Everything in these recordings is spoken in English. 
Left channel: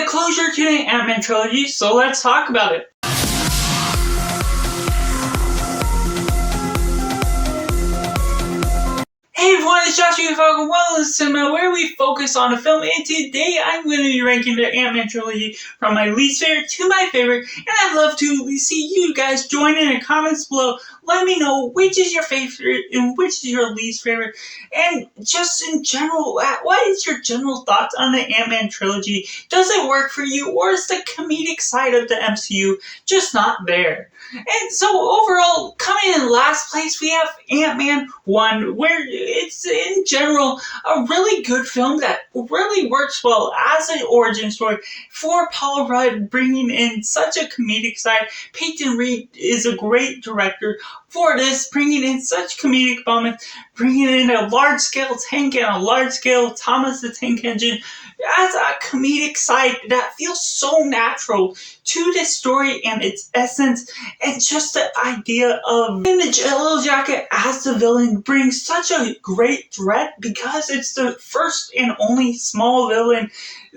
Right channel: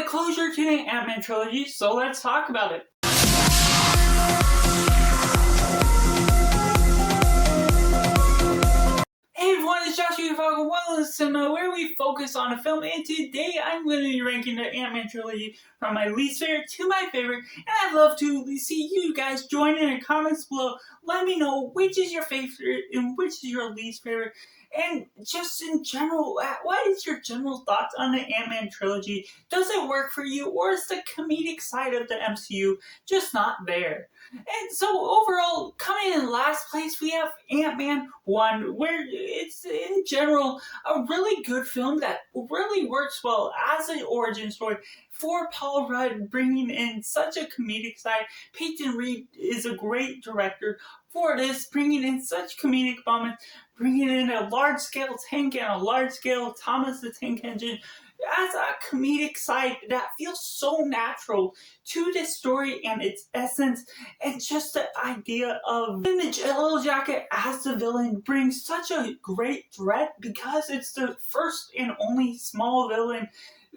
a closure to the Antman Trilogy, so let's talk about it. Hey everyone, it's Josh here from Wellness Cinema, where we focus on a film, and today I'm going to be ranking the Antman Trilogy from my least favorite to my favorite, and I'd love to see you guys join in the comments below. Let me know which is your favorite and which is your least favorite, and just in general, what is your general thoughts on the Antman Trilogy? Does it work for you, or is the comedic side of the MCU just not there? And so overall, coming in last place, we have Ant-Man 1, where it's in general a really good film that really works well as an origin story for Paul Rudd, bringing in such a comedic side. Peyton Reed is a great director for this, bringing in such comedic moments, bringing in a large-scale tank and a large-scale Thomas the Tank Engine as a comedic side that feels so natural to this story and its essence, and just the idea of in the Yellow Jacket as the villain brings such a great threat because it's the first and only small villain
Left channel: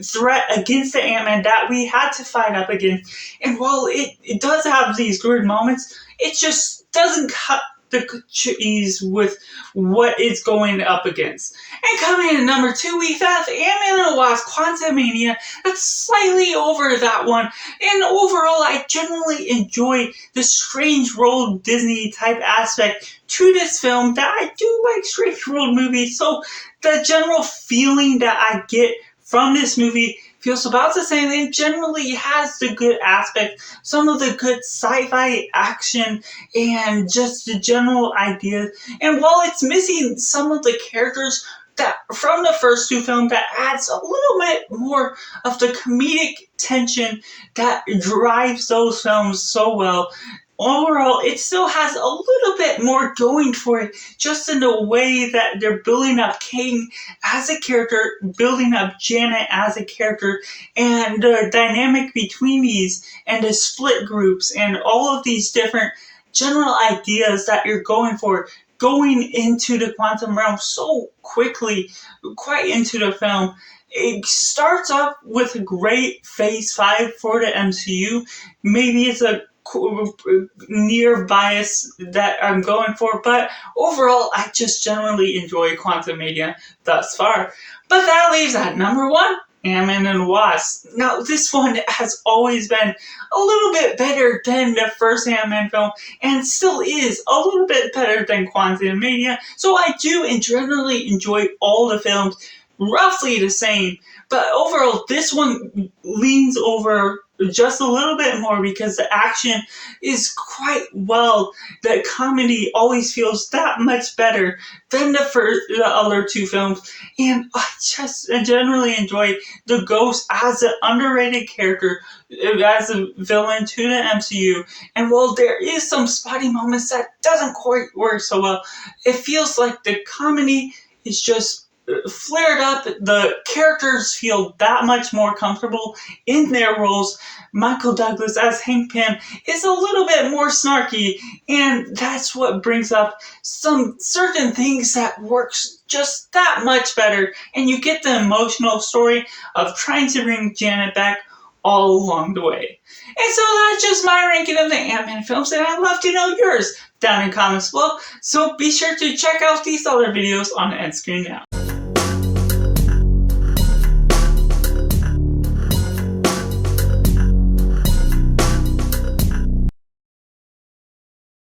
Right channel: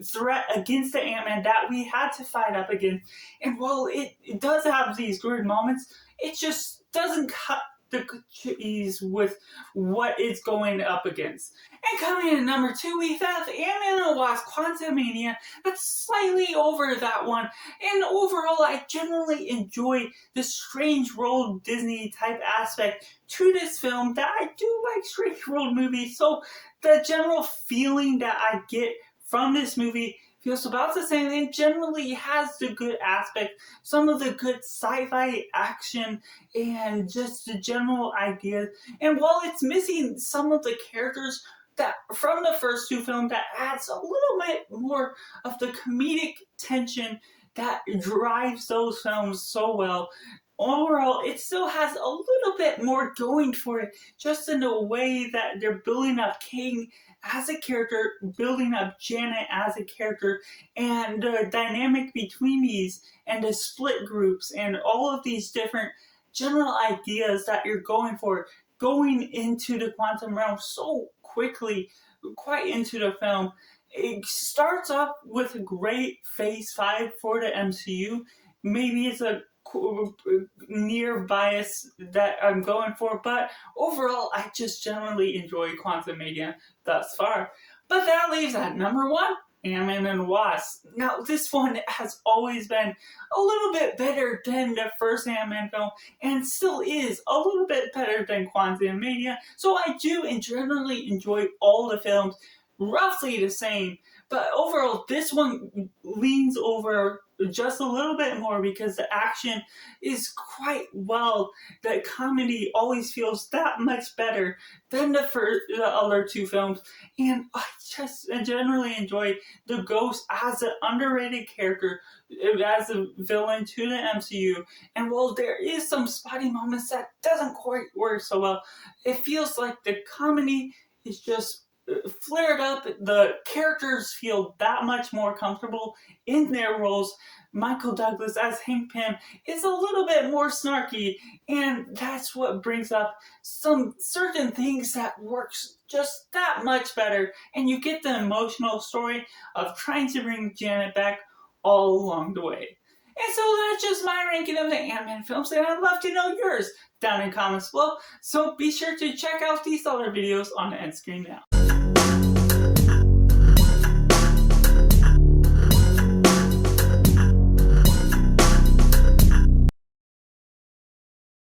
threat against the Ant-Man that we had to fight up against. And while it does have these good moments, it just doesn't cut the cheese with what it's going up against. And coming in at number 2, we have Antman Wasp: Quantumania. That's slightly over that one. And overall, I generally enjoy the strange world Disney type aspect to this film, that I do like strange world movies. So the general feeling that I get from this movie feels about the same. It generally has the good aspect, some of the good sci-fi action, and just the general ideas. And while it's missing some of the characters that from the first two films, that adds a little bit more of the comedic tension that drives those films so well. Overall, it still has a little bit more going for it, just in the way that they're building up King as a character, building up Janet as a character, and the dynamic between these, and the split groups, and all of these different general ideas that you're going for, going into the quantum realm so quickly, quite into the film. It starts up with a great Phase 5 for the MCU. Maybe it's a near bias that I'm going for, but overall I just generally enjoy Quantumania thus far. But that leaves at number 1, Antman and Wasp. Now this one has always been a little bit better than the first Ant-Man film, and still is a little bit better than Quantumania, so I do generally enjoy all the films roughly the same. But overall, this one leans over just a little bit more because the action is quite well. The comedy always feels that much better than the other two films. And I just generally enjoy the Ghost as an underrated character, as a villain to the MCU. And while there is some spotty moments that doesn't quite work so well, it feels like the comedy is just flared up. The characters feel that much more comfortable in their roles. Michael Douglas as Hank Pym is a little bit more snarky, and that's what brings up some certain things that works just that much better, and you get the emotional story of trying to bring Janet back all along the way. And so that's just my ranking of the Ant-Man films, and I'd love to know yours down in comments below, so be sure to check out these other videos on the end screen now.